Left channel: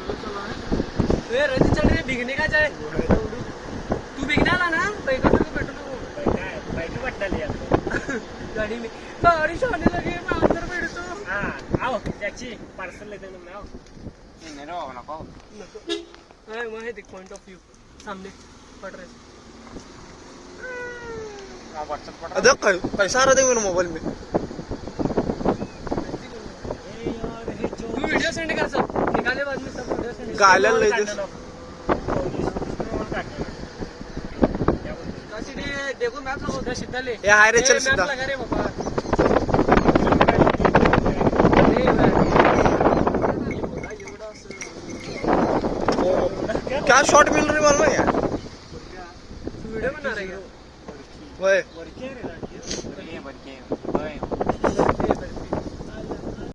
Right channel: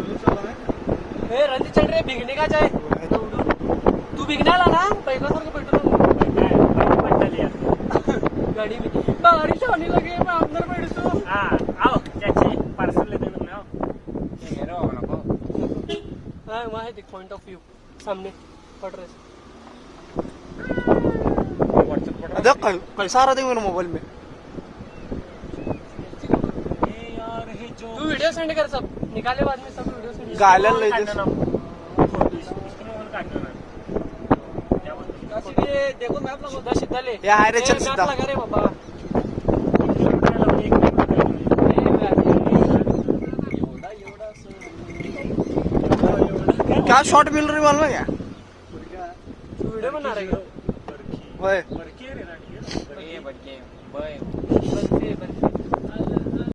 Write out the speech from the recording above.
रंजित चल रहे भीगने का चाहे तू भीगना ना पहले सर को पेट्रोल गाड़ी में गाड़ी से आने लगे मैं अंदर बैठ तो हाँ आओ टैक्सी पार्सल लेते हैं ना ये मेरा वाला पाओ हाँ वहाँ है देख पॉइंट ऑफ व्यू सामने पड़ रहे अरे कैसा आ रहा था मेरे मोबाइल में तू वीडियो सेंड कर सब निकाले बाद में सब वीडियो सेंड गायला ले दे देखो मैप लगा सीधा ले ये हाय रे चल सीधा लगा रे बाबा क्या शॉट मिल रही मालूम है यार तू वीडियो बना रही है ओए